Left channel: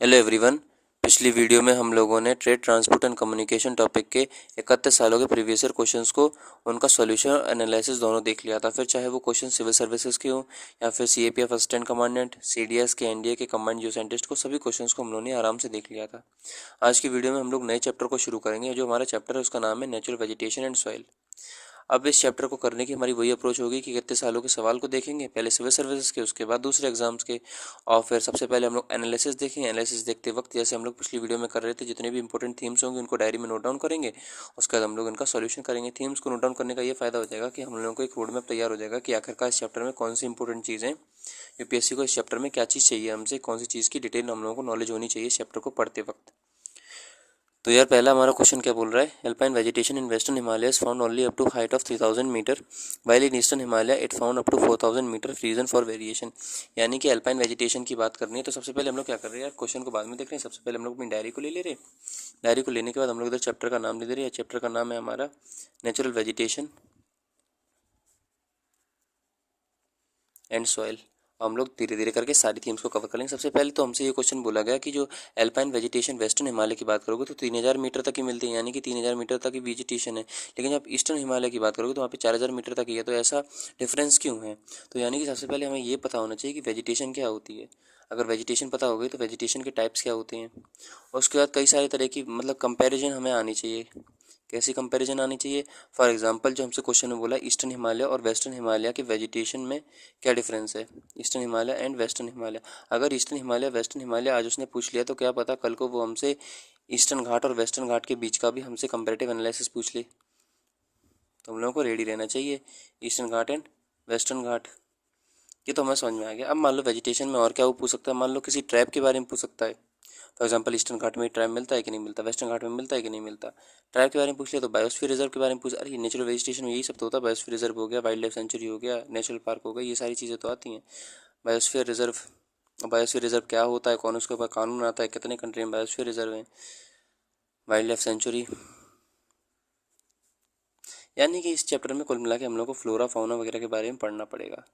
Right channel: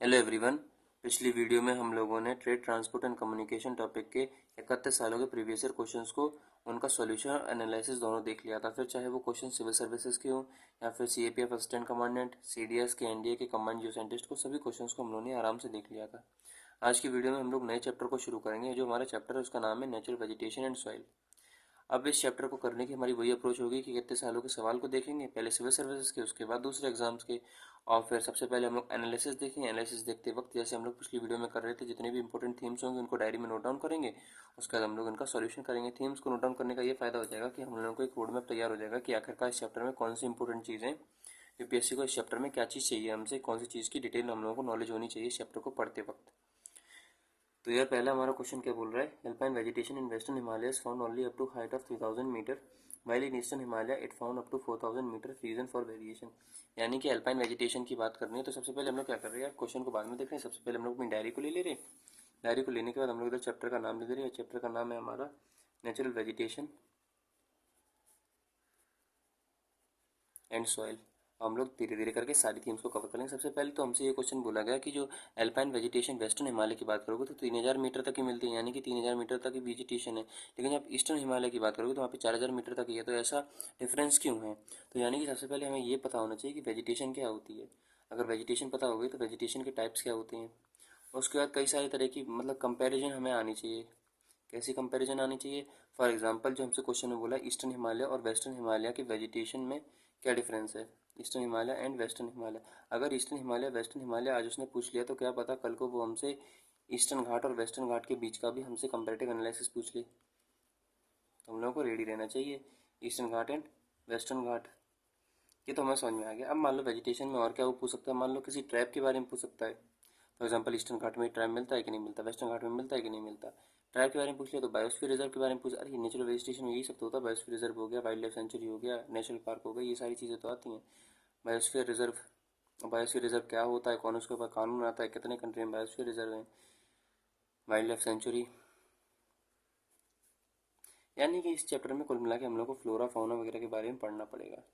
Hello everyone. पिछली video में हम लोगों ने trade transport and communication topic के 31 सालों के प्रीवियस ईयर क्वेश्चंस को उनका सॉल्यूशन और एनालिसिस दोनों देख लिया था। फिर चाहे वो क्वेश्चन सिविल सर्विसेज के हो या फिर सीएपीएफ असिस्टेंट कमांडेंट, सीडीएस के, एनडीए के कमांड जियो साइंटिस्ट को, सभी क्वेश्चंस को हम लोगों ने आराम से देख लिया था। आज की वीडियो में हम लोग नए चैप्टर को शुरू करेंगे। जो हमारा चैप्टर है उसका नाम है नेचुरल वेजिटेशन एंड सॉइल। अब इस चैप्टर को करने की हमारी वही अप्रोच होगी कि कितने सालों के सवाल को देखेंगे, पहले सिविल सर्विसेज के, उसके बाद दूसरे एग्जाम्स के, और फिर सबसे पहले हम लोग एनालिसिस देखेंगे। एनालिसिस देखते वक्त जैसे हम लोग पिछली वीडियो में कर रहे थे, जितने भी इंपॉर्टेंट थीम्स होंगे उनको डायरी में नोट डाउन करेंगे। उसके बाद हम लोग इनका सॉल्यूशन करेंगे। थीम्स को नोट डाउन करने का ये फायदा हो जाएगा कि हम लोगों को एक रोड मैप तैयार हो जाएगा कि आखिरकार इस चैप्टर में कौन सी इंपॉर्टेंट चीज़ें, यूपीएससी को इस चैप्टर में क्या चीज़ चाहिए हमसे, कौन सी चीज़ की डिटेल हम लोगों को नॉलेज होनी चाहिए इस चैप्टर को पढ़ते वक्त। तो यार पहला हमारा क्वेश्चन क्या बोल रहा है, alpine vegetation in western Himalaya found only up to height of 3000 metre, while in eastern Himalaya it found up to 4000 metre, reason for variation. यानी कि एल्पाइन वेजिटेशन की बात करनी है। तो सबसे पहले हम लोग क्या कर रहे हैं यार, क्वेश्चन को बाद में देख रहे हैं। सबसे पहले हम लोग अपनी डायरी को ले ले रहे हैं। डायरी को लेने के बाद हम लोग इधर चैप्टर का नाम ले दे रहे हैं। चैप्टर का नाम है हमारा नेचुरल वेजिटेशन एंड सॉइल। हम लोग धीरे धीरे करके सारी थीम्स को कवर करेंगे। सबसे पहले तो हमसे ये क्वेश्चन बोला गया कि जो एल्पाइन वेजिटेशन वेस्टर्न हिमालय की बात करोगे तो 3000 मीटर तक ही मिलती है, यानी कि 3000 मीटर तक ही वेजिटेशन है। लेकिन जब ईस्टर्न हिमालय की बात करोगे तो वहाँ पे 4000 मीटर तक ही है। तो ऐसा डिफरेंस क्यों है? तो यानी कि सबसे पहले हमें ये पता होना चाहिए कि वेजिटेशन क्या होती है। अगर वेजिटेशन पता हो गई तो वेजिटेशन के टाइप्स क्या होते हैं, और उसके बाद कई सारे तरह की मतलब कंपैरिजन हमें आनी चाहिए। कैसी कंपैरिजन आनी चाहिए? फॉर एग्जांपल जो हमसे क्वेश्चन में बोला ईस्टर्न हिमालय और वेस्टर्न हिमालय के वेजिटेशन में क्या डिफरेंस है, eastern Himalaya and western Himalaya. अगर ईस्टर्न हिमालय वेस्टर्न हिमालय आज उसने पूछ लिया तो क्या पता कल को वो हमसे ईस्टर्न घाट और वेस्टर्न घाट के बीच का भी हमसे कंपैरेटिव एनालिसिस पूछ ले। तो हम लोगों को रेडी रहना चाहिए। ईस्टर्न घाट एंड वेस्टर्न घाट, ये तो हमें समझ में आ गया। अब मान लो वेजिटेशन में और क्या वो पूछ सकता है, मान लो किसी ट्रैप के बारे में पूछ सकता है। फॉर एग्जाम्पल ईस्टर्न घाट में ट्रैप मिलता है कि नहीं मिलता, वेस्टर्न घाट में मिलता है कि नहीं मिलता। ट्रैप के बारे में पूछ लिया तो बायोस्फीयर रिजर्व के बारे में पूछ, अरे नेचुरल वेजिटेशन में यही सब तो होता है। बायोस्फीयर रिजर्व हो गया, वाइल्ड लाइफ सेंचुरी हो गया, नेशनल पार्क हो गया, ये सारी चीज़ें तो आती हैं। बायोस्फीयर रिजर्व, बायोस्फीयर रिजर्व क्या होता है, कौन उसके ऊपर कानून आता है, कितने कंट्री में बायोस्फीयर रिजर्व है, वाइल्ड लाइफ सेंचुरी। यानी कि इस चैप्टर में कुल मिला के हम लोग को फ्लोरा फाउना वगैरह के बारे में पढ़ना पड़ेगा।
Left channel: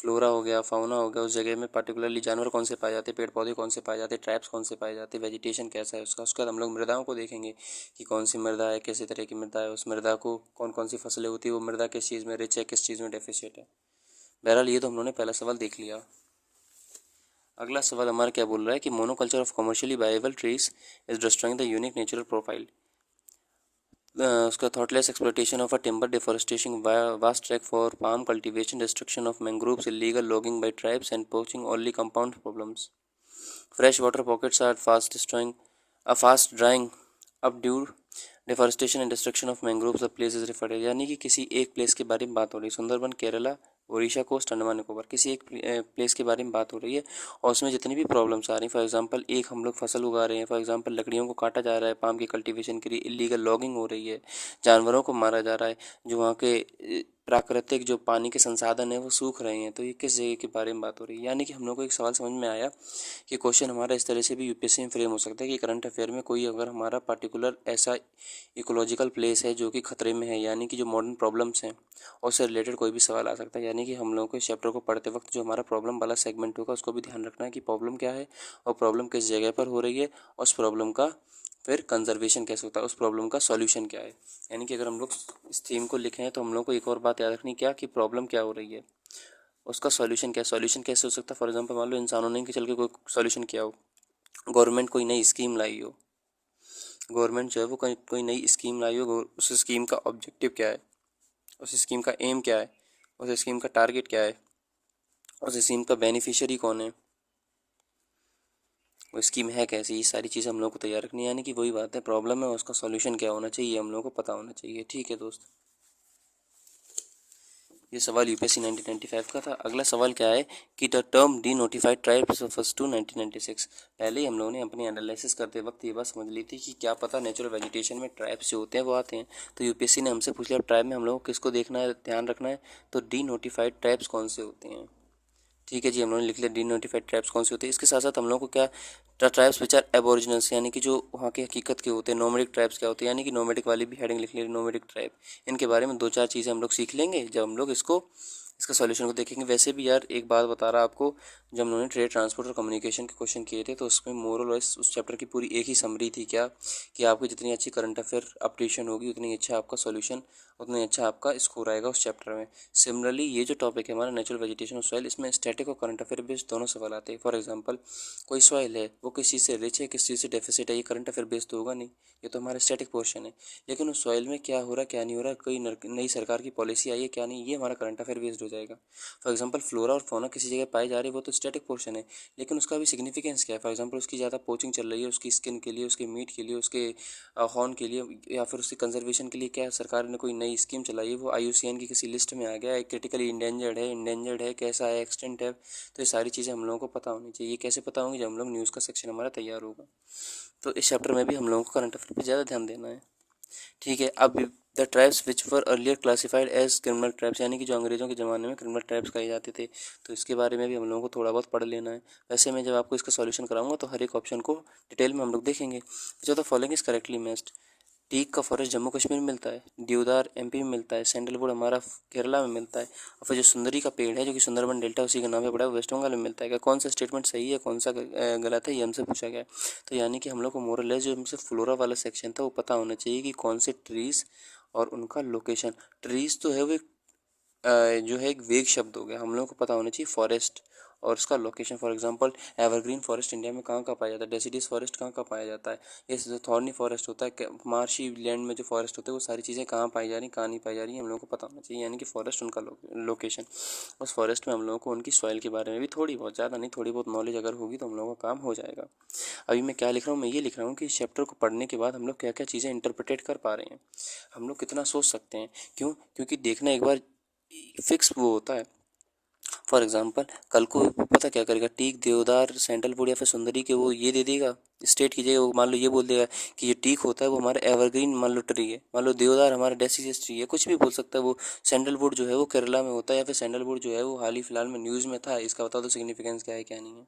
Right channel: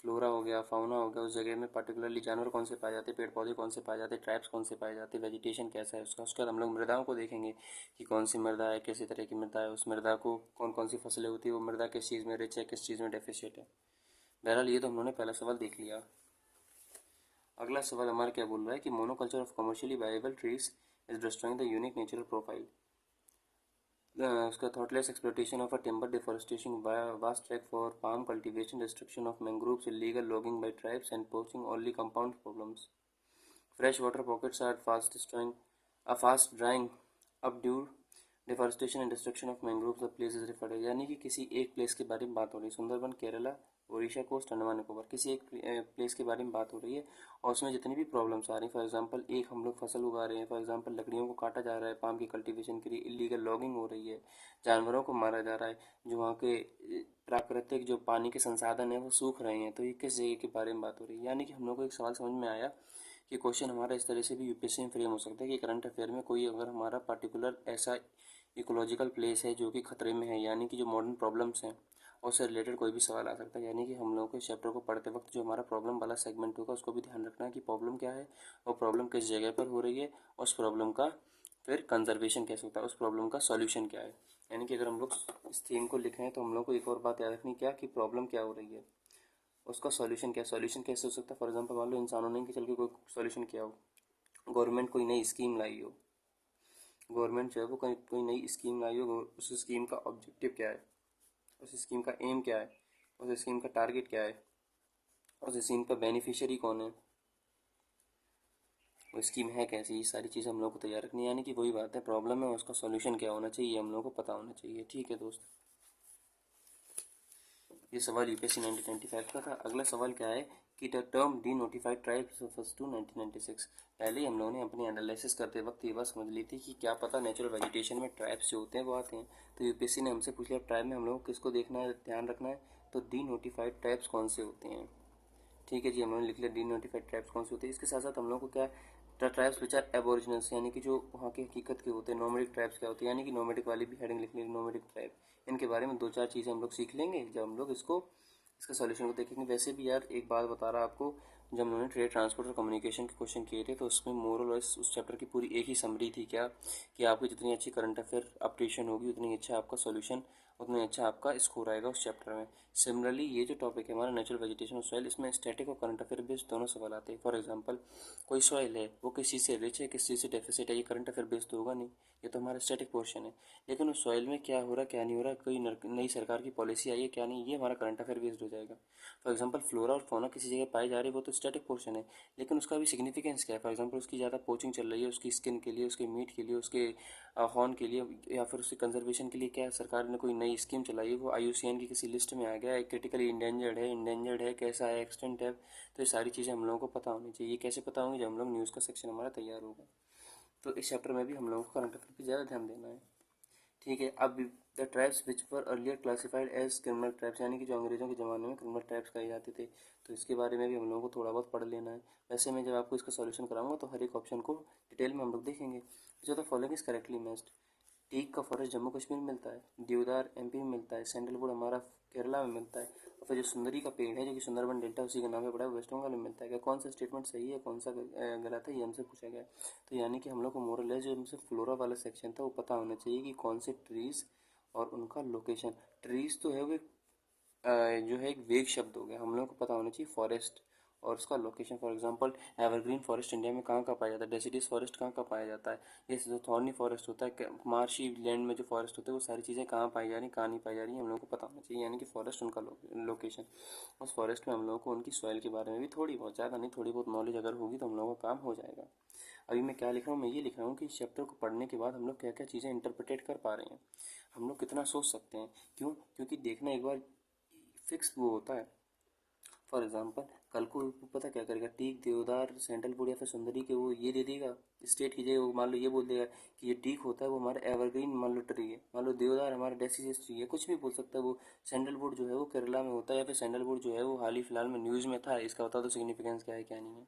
फ्लोरा हो गया, फाउना हो गया, उस जगह में पर्टिकुलरली जानवर कौन से पाए जाते हैं, पेड़ पौधे कौन से पाए जाते हैं, ट्रैप्स कौन से पाए जाते हैं, वेजिटेशन कैसा है उसका। उसके बाद हम लोग मृदाओं को देखेंगे कि कौन सी मृदा है, कैसे तरह की मृदा है, उस मृदा को कौन कौन सी फसलें होती है, वो मृदा किस चीज़ में रिच है, किस चीज़ में डेफिसिट है। बहरहाल ये तो हम लोगों ने पहला सवाल देख लिया। अगला सवाल हमारा क्या बोल रहा है कि monoculture of commercially viable trees is destroying the unique natural profile. उसका thoughtless exploitation of a timber, deforestation, vast track for palm cultivation, destruction of mangroves, illegal logging by tribes and poaching only compound problems. Fresh water pockets are fast drying up due deforestation and destruction of mangroves the place is referred. यानी कि किसी एक place के बारे में बात हो रही है, सुंदरबन, केरला, ओडिशा कोस्ट, अंडमान निकोबार, किसी एक प्लेस के बारे में बात हो रही है और उसमें जितनी भी प्रॉब्लम्स आ रही हैं, फॉर एग्जांपल एक हम लोग फसल उगा रहे हैं, फॉर एग्जांपल लकड़ियों को काटा जा रहा है पाम की कल्टीवेशन के लिए, इलीगल लॉगिंग हो रही है, जानवरों को मारा जा रहा है, जो वहाँ के प्राकृतिक जो पानी के संसाधन है वो सूख रहे हैं। तो ये किस जगह के बारे में बात हो रही है? यानी कि हम लोग को एक सवाल समझ में आया कि क्वेश्चन हमारा इस तरह से भी यूपीएससी में फ्रेम हो सकता है कि करंट अफेयर में कोई अगर हमारा पर्टिकुलर ऐसा इकोलॉजिकल प्लेस है जो कि खतरे में है, यानी कि जो मॉडर्न प्रॉब्लम्स हैं, और उससे रिलेटेड कोई भी सवाल आ सकता है। यानी कि हम लोगों को इस चैप्टर को पढ़ते वक्त जो हमारा प्रॉब्लम वाला सेगमेंट होगा उसको भी ध्यान रखना है कि प्रॉब्लम क्या है और प्रॉब्लम किस जगह पर हो रही है, और उस प्रॉब्लम का फिर कंजर्वेशन कैसे होता है, उस प्रॉब्लम का सॉल्यूशन क्या है। यानी कि अगर हम लोग इस थीम को लिखें तो हम लोग को एक और बात याद रखनी क्या, कि प्रॉब्लम क्या हो रही है, उसका सॉल्यूशन क्या है। सॉल्यूशन कैसे हो सकता है? फॉर एग्जांपल मान लो इंसानों ने कि चल के कोई सॉल्यूशन किया हो, गवर्नमेंट कोई नई स्कीम लाई हो, गवर्नमेंट जो है वो कोई नई स्कीम लाई हो, उस स्कीम का ऑब्जेक्टिव क्या है, उस स्कीम का एम क्या है, उस स्कीम का टारगेट क्या है, उस स्कीम का बेनिफिशियरी कौन है, वो स्कीम है कैसी, ये सारी चीज़ें हम लोग को तैयार रखनी है। यानी कि वही बात है, प्रॉब्लम है उसका सॉल्यूशन क्या होना चाहिए, हम लोग को पता होना चाहिए। ठीक है दोस्त, ये सवाल यूपीएससी 1995 का था। अगला सवाल क्या है कि the term denotified tribes first to 1996। पहले ही हम लोगों ने अपनी एनालिसिस करते वक्त ये बात समझ ली थी कि क्या पता नेचुरल वेजिटेशन में ट्राइब्स जो होते हैं वो आते हैं। तो यूपीएससी ने हमसे पूछ लिया ट्राइब में हम लोगों को किसको देखना है, ध्यान रखना है, तो डी नोटिफाइड ट्राइब्स कौन से होते हैं। ठीक है जी, हम लोगों ने लिख लिया डी नोटिफाइड ट्राइब्स कौन से होते हैं। इसके साथ साथ हम लोगों को क्या, ट्राइब्स विच आर एबोरिजिनल्स, यानी कि जो वहाँ के हकीकत के होते हैं। नोमैडिक ट्राइब्स क्या होते हैं, यानी कि नोमैडिक वाली भी हेडिंग लिख ली, नोमैडिक ट्राइब। इनके बारे में दो चार चीज़ें हम लोग सीख लेंगे जब हम लोग इसको इसका सॉल्यूशन को देखेंगे। वैसे भी यार एक बात बता रहा आपको, जब उन्होंने ट्रेड ट्रांसपोर्ट और कम्युनिकेशन के क्वेश्चन किए थे तो उसमें मोर और लेस उस चैप्टर की पूरी एक ही समरी थी क्या, कि आपकी जितनी अच्छी करंट अफेयर अपडेशन होगी उतनी अच्छा आपका सॉल्यूशन, उतनी अच्छा आपका स्कोर आएगा उस चैप्टर में। सिमिलरली ये जो टॉपिक है हमारा नेचुरल वेजिटेशन और सॉइल, इसमें स्टैटिक और करंट अफेयर बेस्ड दोनों सवाल आते हैं। फॉर एग्जांपल कोई सॉइल है वो किस चीज़ से रिच है किस चीज़ से डेफिसिट है, ये करंट अफेयर बेस्ड तो होगा नहीं, ये तो हमारा स्टैटिक पोर्शन है। लेकिन उस सॉइल में क्या हो रहा है क्या नहीं हो रहा, कोई नई सरकार की पॉलिसी आई है क्या नहीं, ये हमारा करंट अफेयर बेस्ड हो जाएगा। फॉर एग्जांपल फ्लोरा और फौना किसी जगह पाई जा रही है वो तो स्टैटिक पोर्शन है, लेकिन उसका भी सिग्निफिकेंस क्या है। फॉर एग्जांपल उसकी ज़्यादा पोचिंग चल रही है उसकी स्किन के लिए, उसके मीट के लिए, उसके हॉर्न के लिए, या फिर उसकी कंजर्वेशन के लिए क्या सरकार ने कोई नई स्कीम चलाई है, वो IUCN की किसी लिस्ट में आ गया है, क्रिटिकली इंडेंजर्ड है, कैसा है, एक्सटेंट है। तो ये सारी चीज़ें हम लोगों को पता होनी चाहिए। ये कैसे पता होंगी, जब हम लोग न्यूज़ का सेक्शन हमारा तैयार होगा। तो इस चैप्टर में भी हम लोगों को करंट अफेयर पर ज़्यादा ध्यान देना है। ठीक है। अब the tribes which were earlier classified as criminal tribes, यानी कि जो अंग्रेजों के ज़माने में क्रिमिनल ट्राइब्स कहे जाते थे, तो इसके बारे में भी हम लोगों को थोड़ा बहुत पढ़ लेना है। वैसे मैं जब आपको इसका सॉल्यूशन कराऊंगा तो हर एक ऑप्शन को डिटेल में हम लोग देखेंगे। जो the following is correctly matched. Teak का फॉरेस्ट जम्मू कश्मीर में मिलता है, देवदार MP में मिलता है, सैंडलवुड हमारा केरला में मिलता है, और फिर जो सुंदरी का पेड़ है जो कि सुंदरबन डेल्टा उसी के नाम पे पड़ा है, वेस्ट बंगाल में मिलता है। क्या कौन सा स्टेटमेंट सही है कौन सा गलत है, ये हमसे पूछा गया है। तो यानी कि हम लोग को मोरल जो हमसे फ्लोरा वाला सेक्शन था वो पता होना चाहिए कि कौन से ट्रीज़ और उनका लोकेशन। ट्रीज़ तो है वो जो है एक वेग शब्द हो गया, हम लोगों को पता होना चाहिए फॉरेस्ट और उसका location. For example evergreen forest India में कहाँ कहाँ पाया जाता है, डेसिडियस फॉरेस्ट कहाँ कहाँ पाया जाता है, ये जो थॉर्नी फॉरेस्ट होता है, मार्शी लैंड में जो फॉरेस्ट होते हैं वो सारी चीज़ें कहाँ पाई जा रही कहाँ नहीं पाई जा रही, हम लोगों को पता होना चाहिए। यानी कि फॉरेस्ट उनका लोकेशन। उस फॉरेस्ट में हम लोगों को उनकी सॉइल के बारे में भी थोड़ी बहुत, ज़्यादा नहीं, थोड़ी बहुत नॉलेज अगर होगी तो हम लोगों का काम हो जाएगा। अभी मैं क्या लिख रहा हूँ, मैं ये लिख रहा हूँ कि इस चैप्टर को पढ़ने के बाद हम लोग क्या क्या चीज़ें इंटरप्रिटेट कर पा रहे हैं, हम लोग कितना सोच सकते हैं। क्यों? क्योंकि देखना एक बार फिक्स वो होता है। फॉर एग्जांपल कल को पता क्या करेगा, टीक देवदार सैंडलवुड या फिर सुंदरी के वो ये दे देगा स्टेट की जगह, वो मान लो ये बोल देगा कि ये टीक होता है वो हमारा एवरग्रीन मान लो ट्री है, मान लो देवदार हमारा डेसीडियस ट्री है, कुछ भी बोल सकता है। वो सैंडलवुड जो है वो केरला में होता है, या फिर सैंडलवुड जो है वो हाल ही फिलहाल में न्यूज़ में था, इसका बता दो सिग्निफिकेंस क्या है क्या नहीं है।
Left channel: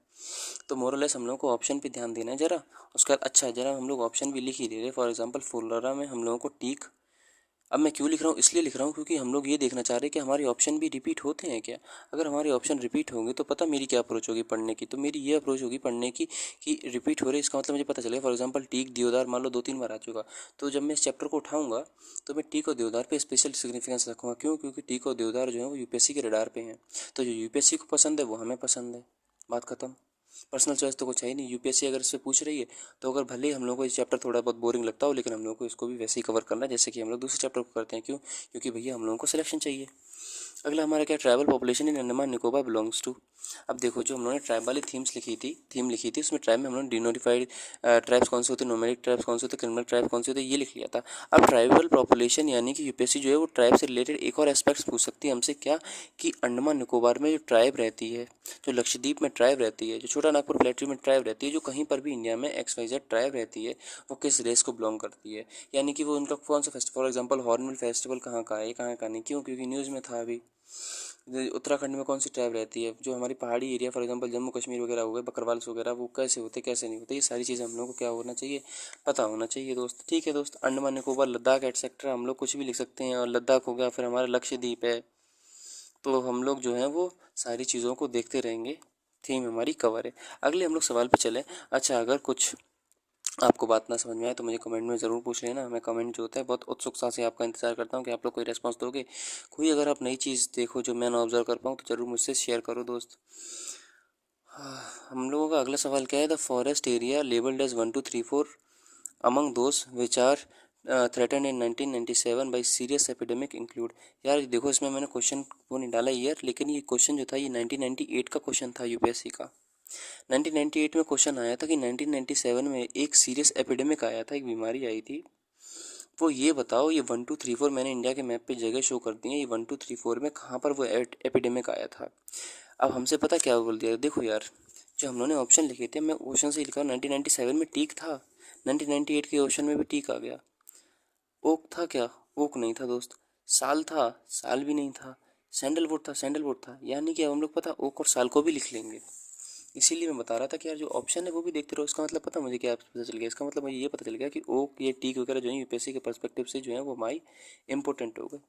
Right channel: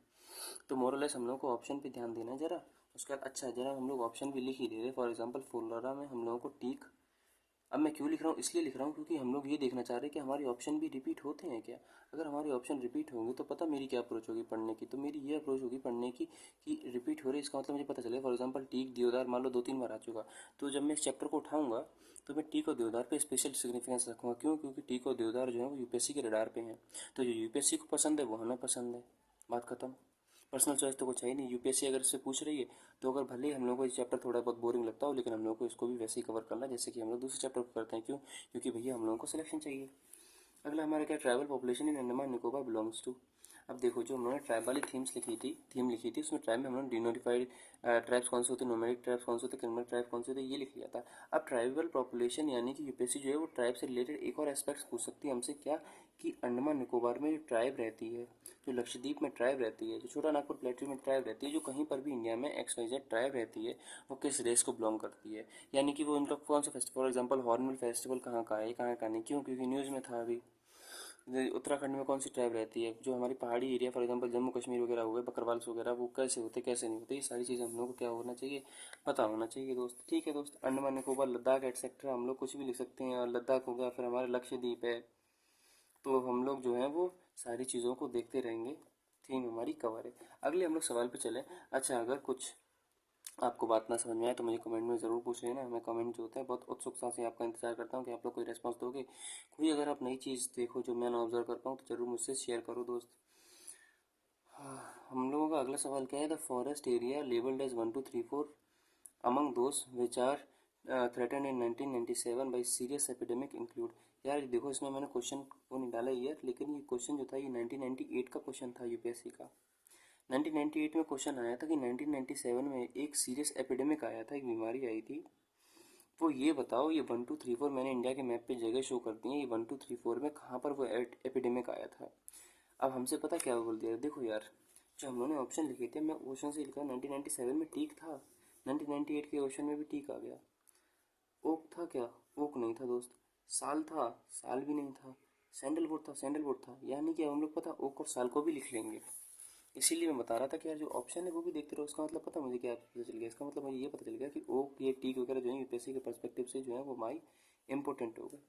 तो मोरलेस हम लोग को ऑप्शन पे ध्यान देना है जरा। उसका अच्छा जरा हम लोग ऑप्शन भी लिख ही दे रहे। फॉर एग्जाम्पल फुलरा में हम लोगों को टीक, अब मैं क्यों लिख रहा हूँ, इसलिए लिख रहा हूँ क्योंकि हम लोग ये देखना चाह रहे हैं कि हमारे ऑप्शन भी रिपीट होते हैं क्या। अगर हमारे ऑप्शन रिपीट होंगे तो पता मेरी क्या अप्रोच होगी पढ़ने की, तो मेरी ये अप्रोच होगी पढ़ने की कि रिपीट हो रहे इसका मतलब मुझे पता चलेगा। फॉर एग्जांपल टीक देवदार मान लो 2-3 बार आ चुका, तो जब मैं इस चैप्टर को उठाऊंगा तो मैं टीक और देवदार पे स्पेशल सिग्निफिकेंस रखूँगा। क्यों? क्योंकि टीक और देवदार जो है वो UPSC के रडार पे हैं, तो जो UPSC को पसंद है वो हमें पसंद है, बात खत्म। पर्सनल चॉइस तो कुछ है ही नहीं। UPSC अगर इससे पूछ रही है तो अगर भले ही हम लोग को ये चैप्टर थोड़ा बहुत बोरिंग लगता हो, लेकिन हम लोग को इसको भी वैसे ही कवर करना है जैसे कि हम लोग दूसरे चैप्टर को करते हैं। क्यों? क्योंकि भैया हम लोगों को सिलेक्शन चाहिए। अगला हमारा क्या, tribal population in Andaman Nicobar belongs to. अब देखो जो हम लोगों ने ट्राइब वाली थीम लिखी थी उसमें ट्राइब में हम लोगों ने डिनोटिफाइड ट्राइब्स कौन से होते हैं, नोमैडिक ट्राइब्स कौन से होते हैं, क्रिमिनल ट्राइब कौन से होते हैं, ये लिख लिया था। अब ट्राइबल पॉपुलेशन यानी कि UPSC जो है वो ट्राइब से रिलेटेड एक और एस्पेक्ट्स पूछ सकती है हमसे, क्या कि अंडमान निकोबार में जो ट्राइब रहती है, जो लक्षद्वीप में ट्राइब रहती है, जो छोटा नागपुर प्लेटू में ट्राइब रहती है, जो कहीं पर भी इंडिया में XYZ ट्राइब रहती है, वो किस रेस को बिलोंग करती है। यानी कि वो उनका कौन सा festival, for example hornbill festival कहाँ का है, कहाँ का नहीं। क्यों? क्योंकि न्यूज़ में था अभी। उत्तराखंड में कौन सी ट्राइब रहती है, जो हमारी पहाड़ी area for example Jammu Kashmir वगैरह हो गए, बकरवाल्स वगैरह, वो कैसे होते कैसे नहीं होते, ये सारी चीज़ें हम लोग को क्या होना चाहिए, पता होना चाहिए दोस्त। ठीक है दोस्त, अंडमान निकोबार लद्दाख एटसेट्रा हम लोग कुछ भी लिख सकते हैं, और लद्दाख हो गया, फिर हमारा लक्षद्वीप है, तो हम लोग जो है वो सारी चीज़ों को देखते रहेंगे। थीम हमारी कवर है। अगले हम लोग सवाल पे चले। अच्छा, अगर कुछ आपको बात ना समझ में आए तो मुझे कमेंट में ज़रूर पूछ लेना। मैं कमेंट जो होता है बहुत उत्सुकता से आपका इंतज़ार करता हूँ कि आप लोग कोई रेस्पॉन्स दोगे। कोई अगर आप नई चीज़ देखो जो मैं ना ऑब्जर्व कर पाऊँ तो ज़रूर मुझसे शेयर करो दोस्त। हम लोगों का अगला सवाल क्या है, the forest area labelled as 1 2 3 4 among those which are threaten in 1997 by serious epidemic include. यार देखो इसमें मैंने क्वेश्चन वो नहीं डाला ईयर, लेकिन ये क्वेश्चन जो था ये 1998 का क्वेश्चन था UPSC का। 1998 में क्वेश्चन आया था कि 1997 में एक सीरियस एपिडेमिक आया था, एक बीमारी आई थी, वो ये बताओ ये 1 2 3 4 मैंने इंडिया के मैप पे जगह शो कर दी है, ये 1 2 3 4 में कहाँ पर वो एपिडेमिक आया था। अब हमसे पता क्या बोल दिया, देखो यार जो हम लोगों ने ऑप्शन लिखे थे, मैं ऑप्शन से लिखा 1997 में टीक था, 1998 के ऑप्शन में भी टीक आ गया। ओक था क्या? ओक नहीं था दोस्त। साल था? साल भी नहीं था। सैंडलवुड था? सैंडलवुड था। यानी कि अब हम लोग पता ओक और साल को भी लिख लेंगे। इसीलिए मैं बता रहा था कि यार जो ऑप्शन है वो भी देखते रहो। इसका मतलब पता मुझे क्या पता चल गया, इसका मतलब मुझे ये पता चल गया कि ओक ये टीक वगैरह जो है UPSC के पर्सपेक्टिव से जो है वो हमारी इंपॉर्टेंट हो गए।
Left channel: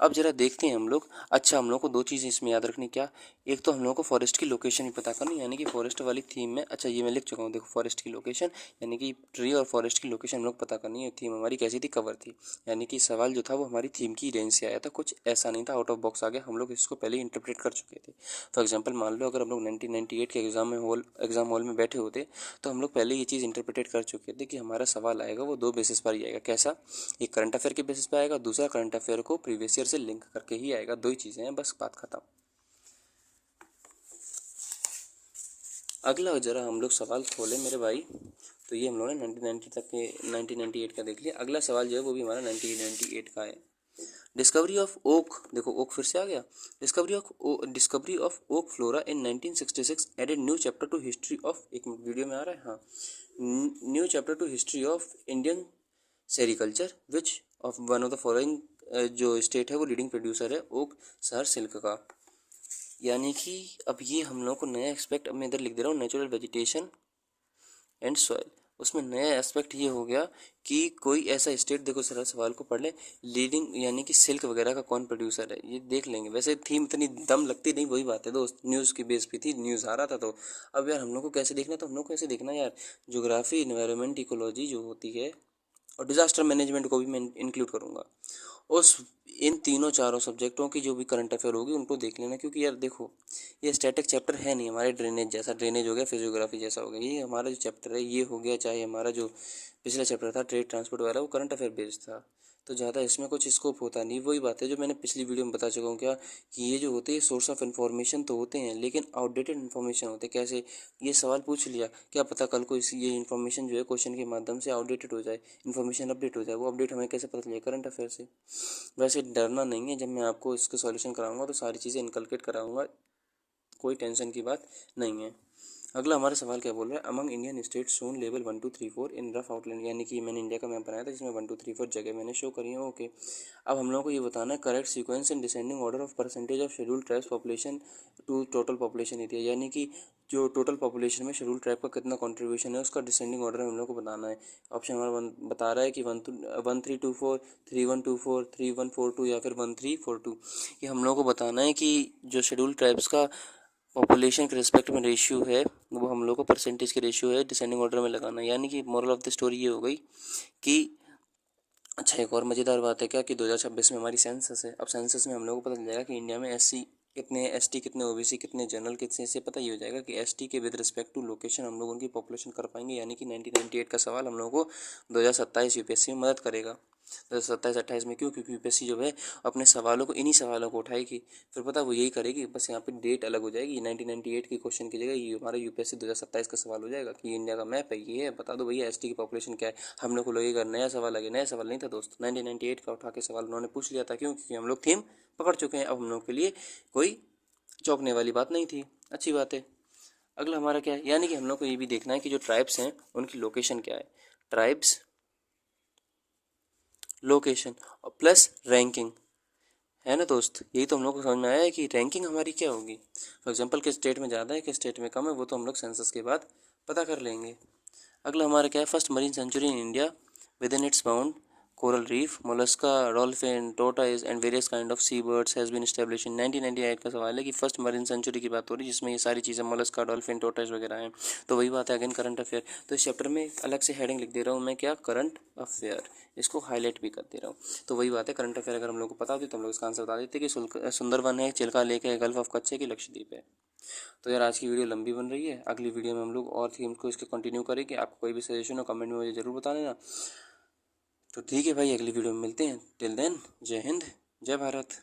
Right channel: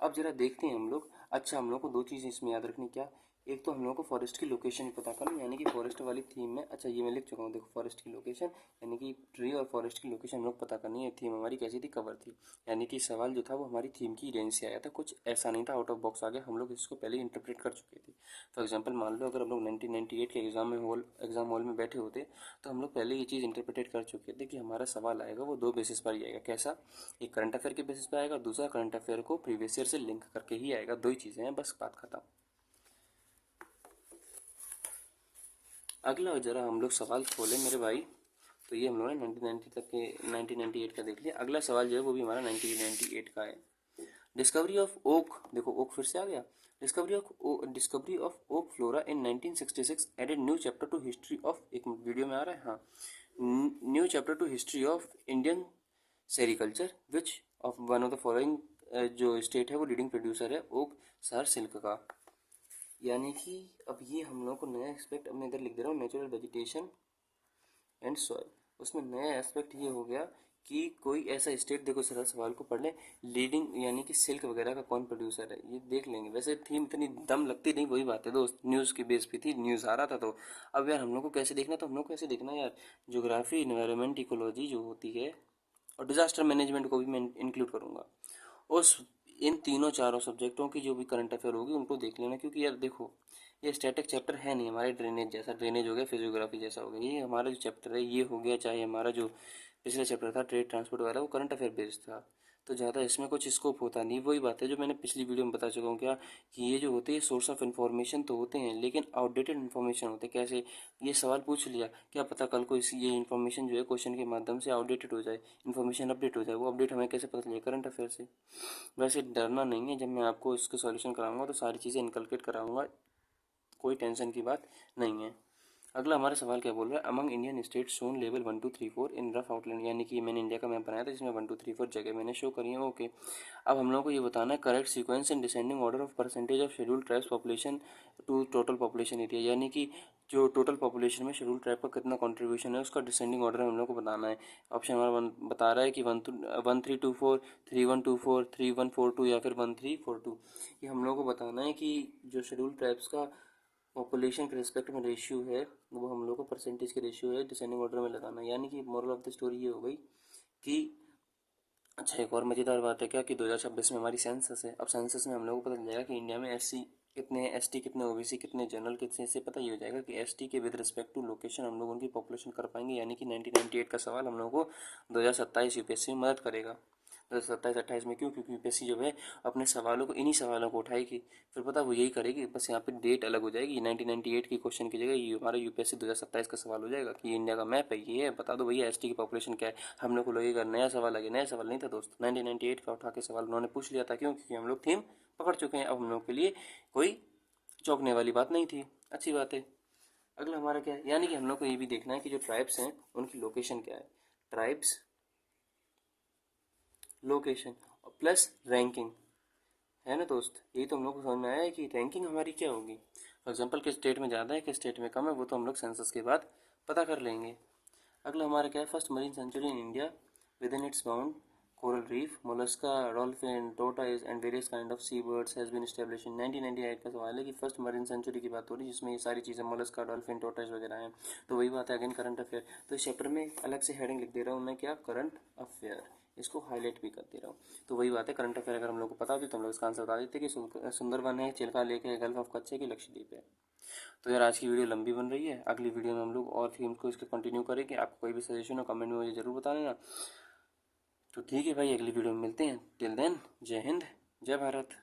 अब जरा देखते हैं हम लोग। अच्छा, हम लोग को दो चीज़ें इसमें याद रखनी, क्या, एक तो हम लोग को फॉरेस्ट की लोकेशन भी पता करनी, यानी कि फॉरेस्ट वाली थीम में, अच्छा ये मैं लिख चुका हूँ, देखो फॉरेस्ट की लोकेशन, यानी कि ट्री और फॉरेस्ट की लोकेशन हम लोग पता करनी है। थीम हमारी कैसी थी, कवर थी, यानी कि सवाल जो था वो हमारी थीम की रेंज से आया था, कुछ ऐसा नहीं था आउट ऑफ बॉक्स आ गया, हम लोग इसको पहले ही इंटरप्रेट कर चुके थे। फॉर एग्जाम्पल मान लो अगर हम लोग 1998 के एग्जाम हॉल में बैठे होते, तो हम लोग पहले ये चीज़ इंटरप्रेट कर चुके थे कि हमारा सवाल आएगा वो दो बेसिस पर ही आएगा। कैसा, एक करंट अफेयर के बेसिस पे आएगा, दूसरा करंट अफेयर को प्रीवियस ईयर से लिंक करके ही आएगा। दो ही चीज़ें हैं, बस बात खत्म। अगला जरा हम लोग सवाल खोले मेरे भाई, तो ये हम लोग ने 1990 तक के 1998 का देख लिया। अगला सवाल जो है वो भी हमारा 1998 का है। डिस्कवरी ऑफ ओक, देखो ओक फिर से आ गया। Discovery of oak flora in 1966 added new chapter to history of, एक वीडियो में आ रहा है, हाँ, new chapter to history of Indian sericulture which of one of the following, जो स्टेट है वो लीडिंग प्रोड्यूसर है ओक सर सिल्क का। यानी कि अब ये हम लोग को नया एक्सपेक्ट, अब मैं इधर लिख दे रहा हूँ नेचुरल वेजिटेशन एंड सॉइल, उसमें नया एस्पेक्ट ये हो गया कि कोई ऐसा स्टेट, देखो सर सवाल को पढ़ लें, लीडिंग यानी कि सिल्क वगैरह का कौन प्रोड्यूसर है, ये देख लेंगे। वैसे थीम इतनी दम लगती नहीं, वही बात है दोस्त, न्यूज़ की बेस पे थी, न्यूज़ आ रहा था। तो अब यार हम लोग को कैसे देखना, तो हम लोग को कैसे देखना यार, ज्योग्राफी, इन्वायरमेंट, इकोलॉजी जो होती है, और डिजास्टर मैनेजमेंट को भी मैं इंक्लूड करूँगा, उस इन तीनों चारों सब्जेक्टों की जो भी करंट अफेयर होगी उनको देख लेना। क्योंकि यार देखो, ये स्टैटिक चैप्टर है नहीं हमारे, ड्रेनेज जैसा, ड्रेनेज हो गया, फिजियोग्राफी जैसा हो गया, ये हमारा जो चैप्टर है ये हो गया, चाहे हमारा जो पिछला चैप्टर था ट्रेड ट्रांसपोर्ट वाला, वो करंट अफेयर बेस्ड था, तो ज़्यादा इसमें कुछ स्कोप होता नहीं। वही बात है जो मैंने पिछली वीडियो में बता चुका हूँ, क्या, कि ये जो होते हैं सोर्स ऑफ इन्फॉर्मेशन तो होते हैं, लेकिन आउटडेटेड इन्फॉर्मेशन होते हैं। कैसे, ये सवाल पूछ लिया, क्या पता कल को ये इन्फॉर्मेशन जो है क्वेश्चन के माध्यम से आउटडेटेड हो जाए, इन्फॉर्मेशन अपडेट हो जाए, वो अपडेट हमें कैसे पता चलेगा, करंट अफेयर से। वैसे डरना नहीं है, जब मैं आपको इसके सॉल्यूशन कराऊंगा तो सारी चीज़ें इनकलकेट कराऊंगा, कोई टेंशन की बात नहीं है। अगला हमारा सवाल क्या बोल रहा है, among Indian state shown level 1 2 3 4 इन रफ आउटलाइन, यानी कि मैंने इंडिया का मैप बनाया था जिसमें 1 2 3 4 जगह मैंने शो करी है। ओके, अब हम लोगों को ये बताना है correct sequence and descending order of percentage of schedule tribes population to total population area, यानी कि जो टोटल पॉपुलेशन में शेड्यूल ट्राइब का कितना कंट्रीब्यूशन है उसका डिसेंडिंग ऑर्डर में हम लोग को बताना है। ऑप्शन हमारा बता रहा है कि 1 3 2 4 3 1 2 4 3 1 4 2 या फिर 1 3 4 2। ये हम लोग को बताना है कि जो शेड्यूल ट्राइब्स का पॉपुलेशन के रिस्पेक्ट में रेशियो है वो हम लोग को परसेंटेज के रेशियो है डिसेंडिंग ऑर्डर में लगाना है। यानी कि मोरल ऑफ द स्टोरी ये हो गई कि, अच्छा एक और मज़ेदार बात है क्या, कि 2026 में हमारी सेंसस है। अब सेंसस में हम लोगों को पता चल जाएगा कि इंडिया में एससी कितने, एसटी कितने, ओबीसी कितने, जनरल कितने, इससे पता ये हो जाएगा कि एसटी के विद रिस्पेक्ट टू लोकेशन हम लोग उनकी पॉपुलेशन कर पाएंगे। यानी कि 1998 का सवाल हम लोगों को 2027 यूपीएससी में मदद करेगा। 2027-28 में क्यों, क्योंकि यूपीएससी जो है अपने सवालों को, इन्हीं सवालों को उठाएगी, फिर पता वो यही करेगी, बस यहाँ पे डेट अलग हो जाएगी। 1998 की क्वेश्चन की जगह ये हमारा यूपीएससी 2027 का सवाल हो जाएगा कि इंडिया का मैप है, ये है, बता दो भैया एसटी की पॉपुलेशन क्या है। हम लोग को लगेगा नया सवाल आ गया, नया सवाल नहीं था दोस्त, 1998 का उठा के सवाल उन्होंने पूछ लिया था। क्यों, क्योंकि हम लोग थीम पकड़ चुके हैं, अब हम लोग के लिए कोई चौंकने वाली बात नहीं थी। अच्छी बात है। अगला हमारा क्या है, यानी कि हम लोग को ये भी देखना है कि जो ट्राइब्स हैं उनकी लोकेशन क्या है, ट्राइब्स लोकेशन प्लस रैंकिंग, है ना दोस्त। यही तो हम लोग को समझ में आया है कि रैंकिंग हमारी क्या होगी। फॉर एग्जांपल किस स्टेट में ज़्यादा है किस स्टेट में कम है, वो तो हम लोग सेंसस के बाद पता कर लेंगे। अगला हमारा क्या है, first marine sanctuary in India within its bound coral reef mollusca dolphin tortoise and various kind of sea birds has been establish in 1998 का सवाल है कि फर्स्ट मरीन सेंचुरी की बात हो रही है जिसमें ये सारी चीज़ें मोलस्का डॉल्फिन टोटाइज वगैरह हैं। तो वही बात है अगेन करंट अफेयर, तो इस चैप्टर में अलग से हेडिंग लिख दे रहा हूँ मैं, क्या, करंट अफेयर, इसको हाईलाइट भी कर दे रहा हूँ। तो वही बात है, करंट अफेयर अगर हम लोग को पता होती तो हम लोग इसका आंसर बता देते कि सुंदरवन है, चिल्का लेक है, गल्फ ऑफ कच्छ है कि लक्षद्वीप है। तो यार आज की वीडियो लंबी बन रही है, अगली वीडियो में हम लोग और थीम को इसके कंटिन्यू करेंगे। आपको कोई भी सजेशन हो कमेंट में मुझे ज़रूर बता देना। तो ठीक है भाई, अगली वीडियो में मिलते हैं। टिल देन, जय हिंद, जय भारत।